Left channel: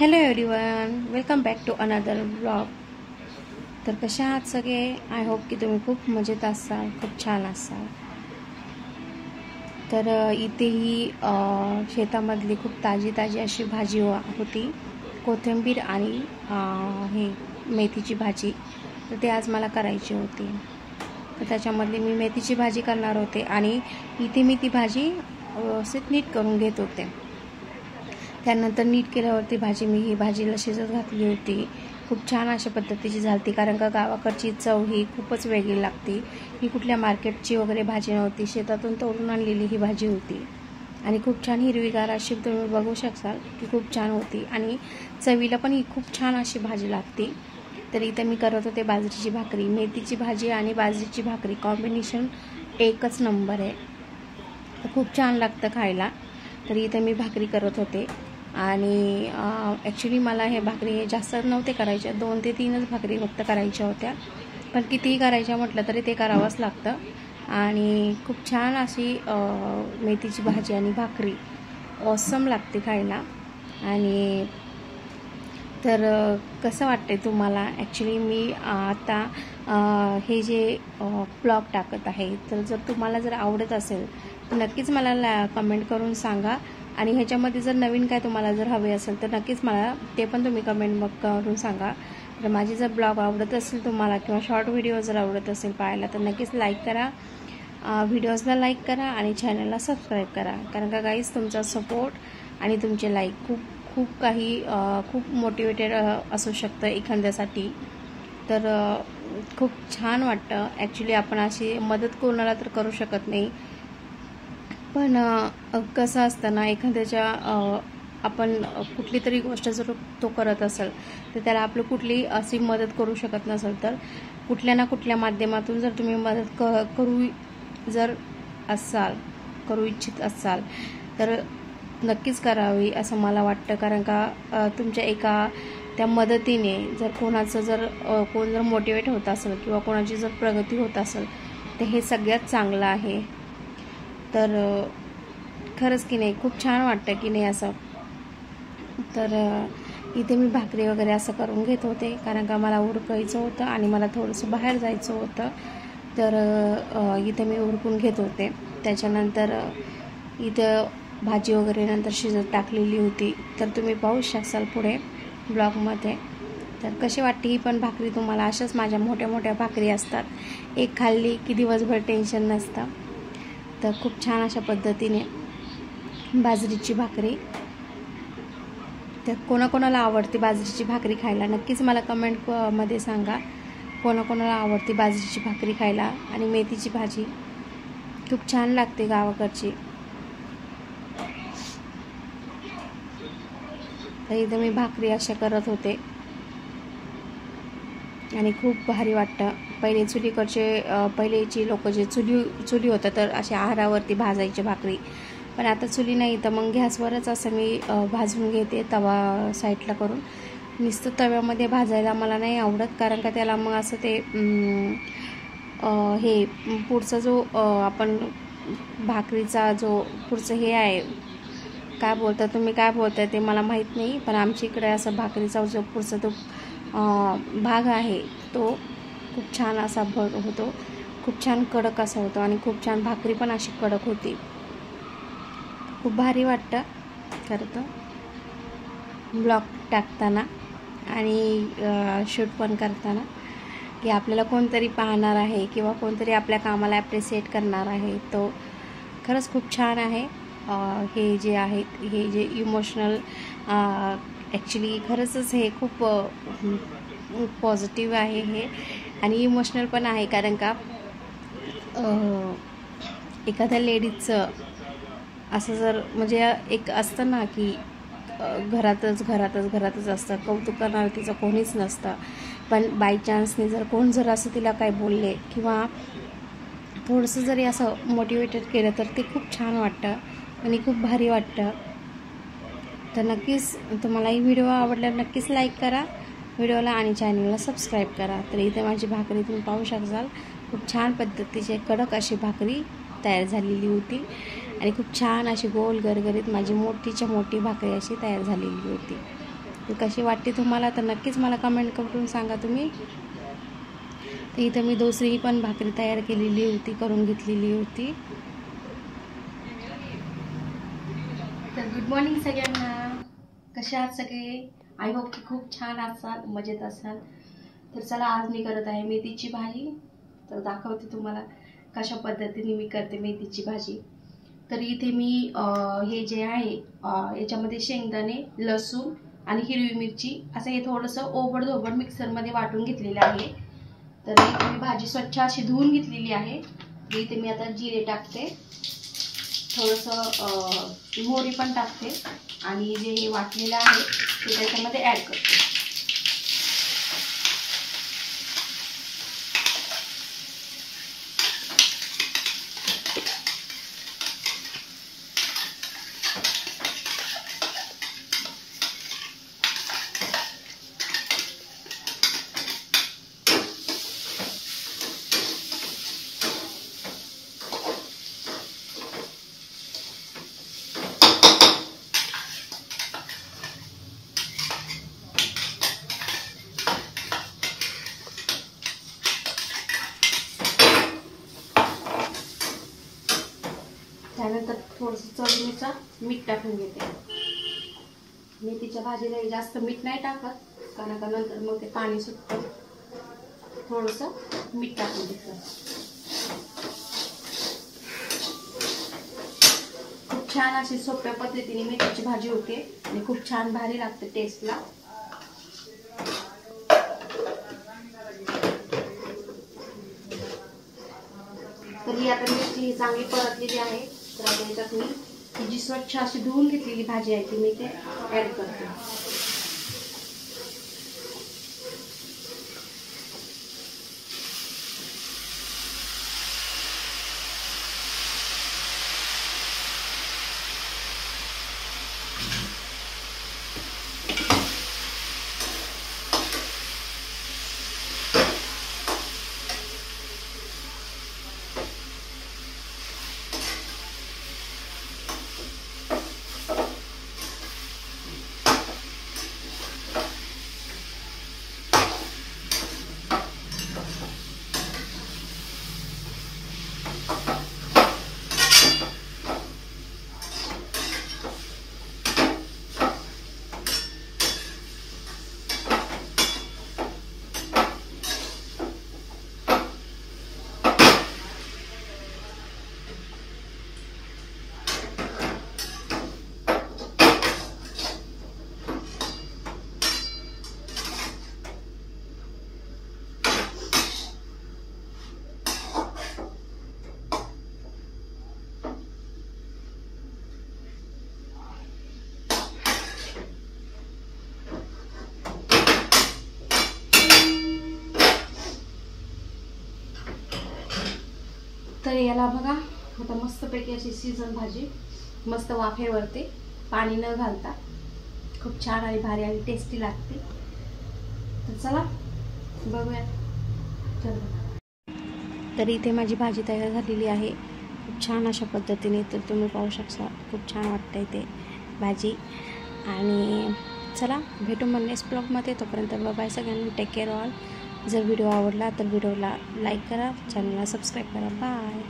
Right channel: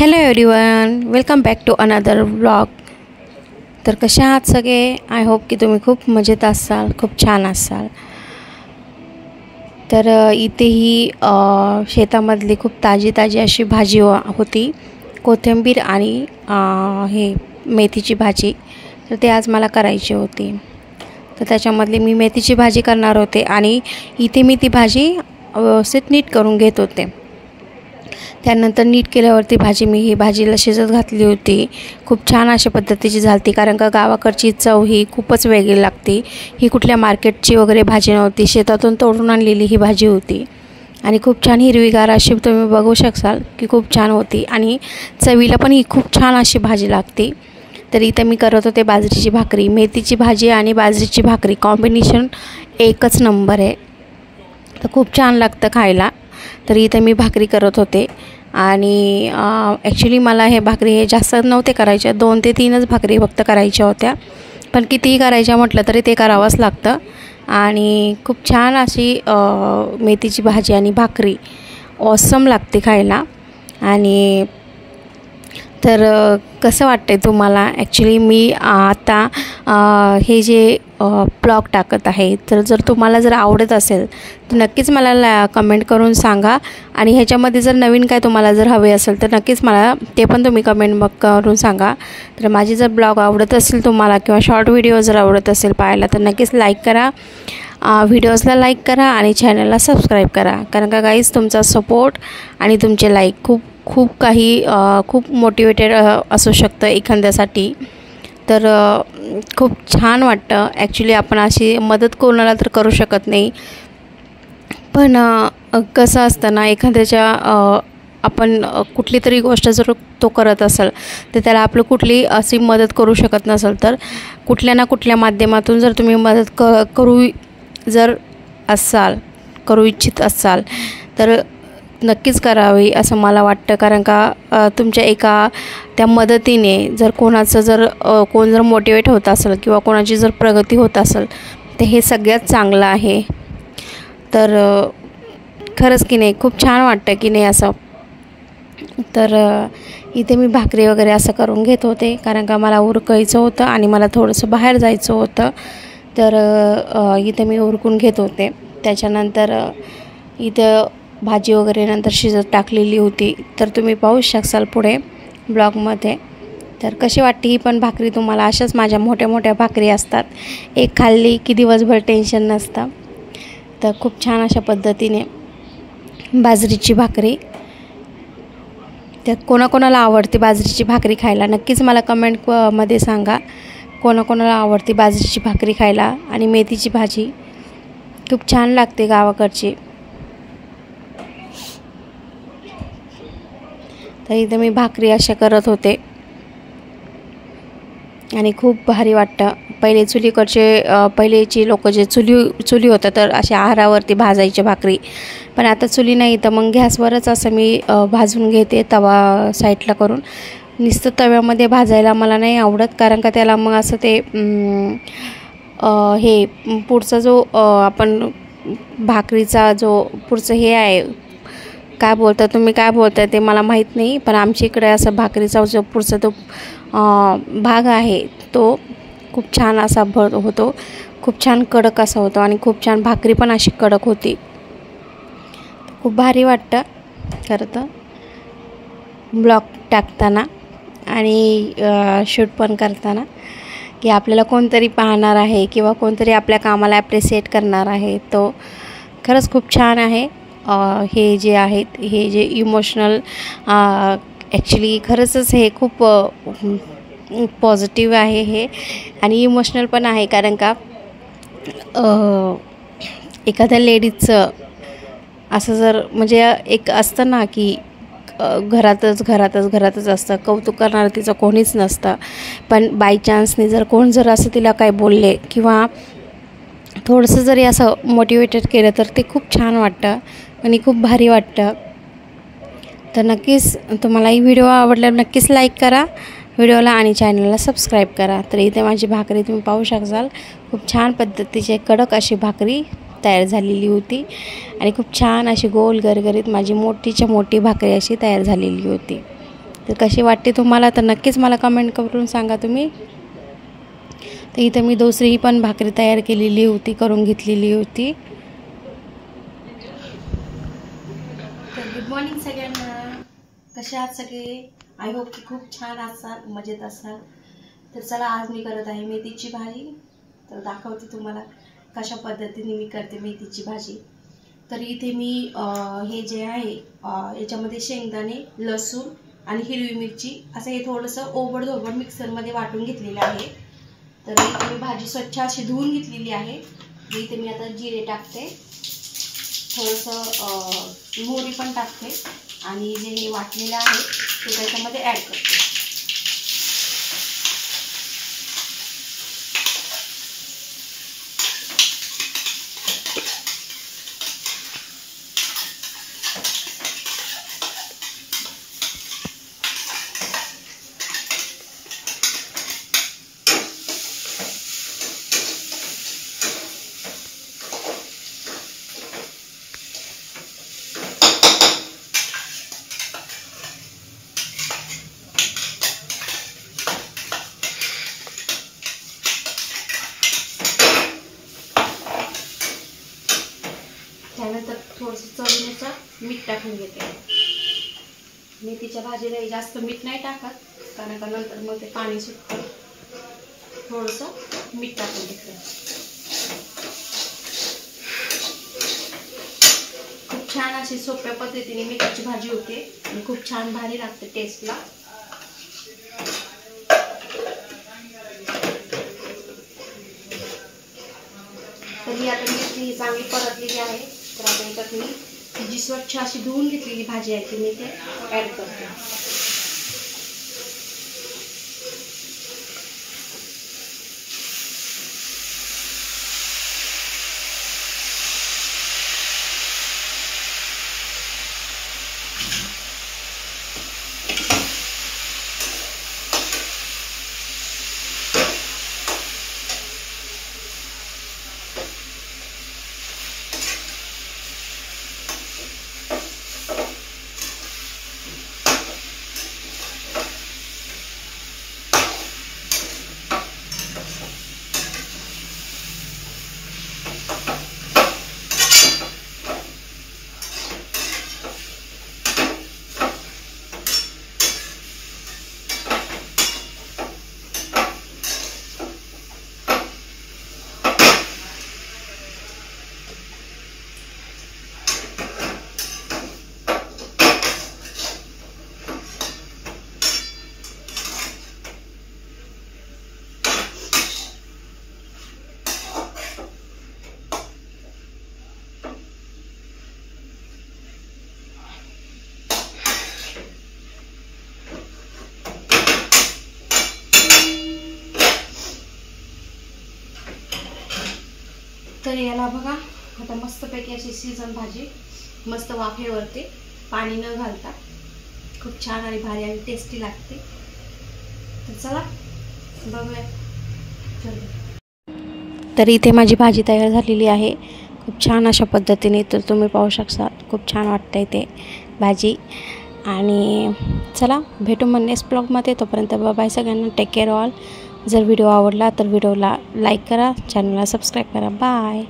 Hello everyone, welcome back to another vlog. तर कशा आहात सगळे? आय होप की तुम्ही खूप मजेत असाल, खूप छान असाल. तर इथे ही शेतामधली खूप ताजी ताजी अशी भाजी होती, कोथिंबीर आणि हे मेथीची भाजी. तर ते आज मला करायची होती. तर त्याच्यामधली मी मेथीची भाजी करणार होते आणि इथे मी ती भाजी व्यवस्थित नीट करून घेत होते. त्यानंतर नीट केल्यावरती ही भाजीला शिजत घातली होती. खूप छान अशा पद्धतीची झालती, कारण का गावाकडची चव ही खूपच वेगळी लागते. ही कुठल्या मार्केटची वगैरे भाजी नव्हती, शेतातून तोडून आणलेली ही भाजी होती आणि खूप छान हिरवीगार अशी तुम्ही बघू शकाल की खूप छान होती आणि चवीला पण ही खूप छान अशी भाजी लागते. तर इथं मी करत होते बाजरीची भाकरी. मेथीची भाजी आणि बाजरीची भाकरी कॉम्बिनेशन एकच नंबर आहे, तर खूप छान लागतं खायला. तर इथं मी भाकरी करत होते आणि ॲक्च्युली मला हे भाकरी जास्त नव्हते करायच्या, 2 ते 3च भाकरी फक्त करायच्या होत्या. पण कितीही करायच्या म्हटलं तरी ते करावंच लागतं. आणि खूप छान अशी मेथीची भाजी आणि भाकरी ऑसम लागते खायला. आणि तर कसं वाटतं आहे तुम्हाला? ॲक्च्युली मी आता हे जे ब्लॉग टाकत आहे, तर जर तुम्हाला जर आवडत असेल तर नक्कीच मला कमेंट करून सांगा. आणि ह्याच्यामध्ये जर नवीन काय तुम्हाला जर हवे असेल तर नक्कीच मला ते पण तुम्ही कमेंट करून सांगा. तर माझी जर ब्लॉग आवडत असेल तुम्हाला किंवा शॉर्ट व्हिडिओ जर आवडत असेल पाहायला तर नक्कीच लाईक करा, व्हिडिओजला लाईक करा आणि चॅनलला सबस्क्राईब करा. कारण का गाईज तुमचा सपोर्ट आणि तुमचे लाईक खूप मोटिवेटेड असू शकतं एखाद्यासाठी. तर खूप छान वाटतं. ॲक्च्युली आपण अशी मदत कोणाला तर करू शकत नाही, पण कसं असतं ना, एखाद्याच्या आपण कुठली तरी गोष्ट जर तो करत असेल तर त्याला आपलं कुठली अशी मदत करू शकत नसेल तर कुठल्या ना कुठल्या माध्यमातून जर तुम्ही मदत करू इच्छित असाल तर नक्कीच करावी असं मला वाटतं. कारण का तुमच्या त्या मदतीने जर कोण जर मोटिवेट होत असेल किंवा कोणाची जर प्रगती होत असेल तर हे सगळ्यात चांगलं आहे. तर खरंच की नाही, खूप छान वाटतं की नाही असं. तर इथे मी भाकरी वगैरे असं करून घेत होते, कारण का मला उरकायचं होतं आणि मला थोडंसं बाहेर जायचं होतं. तर इथे मी उरकून घेत होते. त्याच्यानंतर इथं भाजी वगैरे नंतर शिजत टाकलेली होती. तर तुम्ही पाहू शकाल पुढे ब्लॉगमध्ये. तर कशी वाटते ही पण भाकरी तुम्हाला? अशाच माझ्या मोठ्या मोठ्या भाकरी असतात, एक खाल्ली की दिवसभर टेन्शन नसतं. तर खूप छान अशा पद्धतीने बाजरीची भाकरी. त्यात कोणाकोणाला आवडते बाजरीची भाकरी खायला नक्कीच मला कमेंटमध्ये सांगा. कोणाकोणाला आवडते बाजरीची भाकरी खायला आणि मेथीची भाजी खूप छान लागते गावाकडची. तर इथं मी भाकरी अशा करत होते आणि खूप भारी वाटतं. पहिलेची लोक जे चुली होतं तर अशा आहारावरती भाजायचे भाकरी, पण आता चुली नाही तर मग गॅसवरच असं मी भाजून घेते तवा साईडला करून. नुसतं तव्यामध्ये भाजायला मला नाही आवडत, कारण का त्याला मग असं ते हे पुढचा जो आपण भाकरीचा जो पुढचं हे आहे, काय बोलता तुम्ही, काय बोलताय ते मला माहीत नाही, पण आमच्या इकडे असं भाकरीचा जो पुढचा तो भाग आहे तो खूप छान असा होतो, खूप छान कडक असा होतो आणि खूप छान भाकरी पण अशी कडक होती. खूप भारी वाटतं खरं तर ब्लॉग टाकताना आणि शूट पण करताना, की आपल्याला कोणतरी पाहणार आहे किंवा कोणतरी आपल्या कामाला ॲप्रिशिएट करणार आहे. तो खरंच खूप छान आहे. हे जे आहेत, हे जे इमोशनल ॲक्च्युली खरंच हे खूप पॉझिटिव्ह आहे हे, आणि इमोशनल पण आहे. कारण का एखाद्या लेडीजचं असं जर म्हणजे एक असतं ना की घरातच असतं, कौतुक करणारं तिचं कोणीच नसतं, पण बाय चान्सने जर असं तिला काय बोलले किंवा थोडंसं जरी असं मोटिवेटेड केलं तर ते खूप छान वाटतं आणि खूप भारी वाटतं. तर नक्कीच तुम्हाला ही व्हिडिओ आवडल्यावर नक्कीच लाईक करा व्हिडिओला आणि चॅनलला सबस्क्राईब करा. तर इथे माझी भाकरी तुम्ही पाहू शकाल, खूप छान पद्धतीची कडक अशी भाकरी तयार झालेली होती आणि खूप छान अशी गोल गरगरीत माझी मोठीच्या मोठी भाकरी अशी तयार झालेली होती. तर कशी वाटते तुम्हाला तर नक्कीच मला कमेंट करून सांगा तुम्ही। तर इथं मी दुसरी पण भाकरी तयार केलेली होती, करून घेतलेली होती। तर गुड मॉर्निंग सगळ्यांना, कसे आहात सगळे? आय होप की खूप छान असाल, मजेत असाल। तर चला आज मी करत आहे मेथीची भाजी। तर दाखवते तुम्हाला कशा पद्धतीने मी करते मेथीची भाजी। तर इथे मी हे जे आहे याच्यामध्ये शेंगदाणे, लसूण आणि हिरवी मिरची असं हे थोडंसं ओबडधोबड मिक्सरमध्ये वाटून घेतलेलं आहे। तर इथे मी भाजी स्वच्छ अशी धुवून घेतलेली आहे। इथे मी आता जिरे टाकते, थोडंसं मोहरी पण टाकते आणि जे हे वाटलेलं आहे ते त्याच्यामध्ये ॲड करते। त्यानंतर थोडंसं चवीनुसार मीठ टाकून घेते। मेथीच्या भाजीला जास्त मीठ नाही टाकत, कारण का नंतर मग ते पाणी सुटतं। थोडंसं मीठ टाकून घेते। खूप छान अशी सोप्या पद्धतीने मेथीची भाजी होते आणि खूप छान भारी लागते टेस्टला। तर ही आता मेथी ही चांगली परतलेली आहे। तर आता याच्यात मी जी स्वच्छ अशी धुवून घेतलेली भाजी आहे ती मी ते ॲड करते। तर याला बघा आता मस्तपैकी अशी सीझन भाजी मस्त वाफेवरती पाणी न घालता खूप छान आणि भारी आणि टेस्टी लागते। तर चला बघूया। तर इथे माझी भाजी तयार झालेली आहे खूप छान अशा पद्धतीने। तर तुम्ही पाहू शकता खूप छान वाटतंय ते भाजी। आणि चला भेटू मग नेक्स्ट ब्लॉगमध्ये। तोपर्यंत बाय सगळ्यांना, टेक केअर ऑल। जर व्हिडिओ आवडला तर व्हिडिओला लाईक करा, चॅनलला सबस्क्राईब करा। बाय।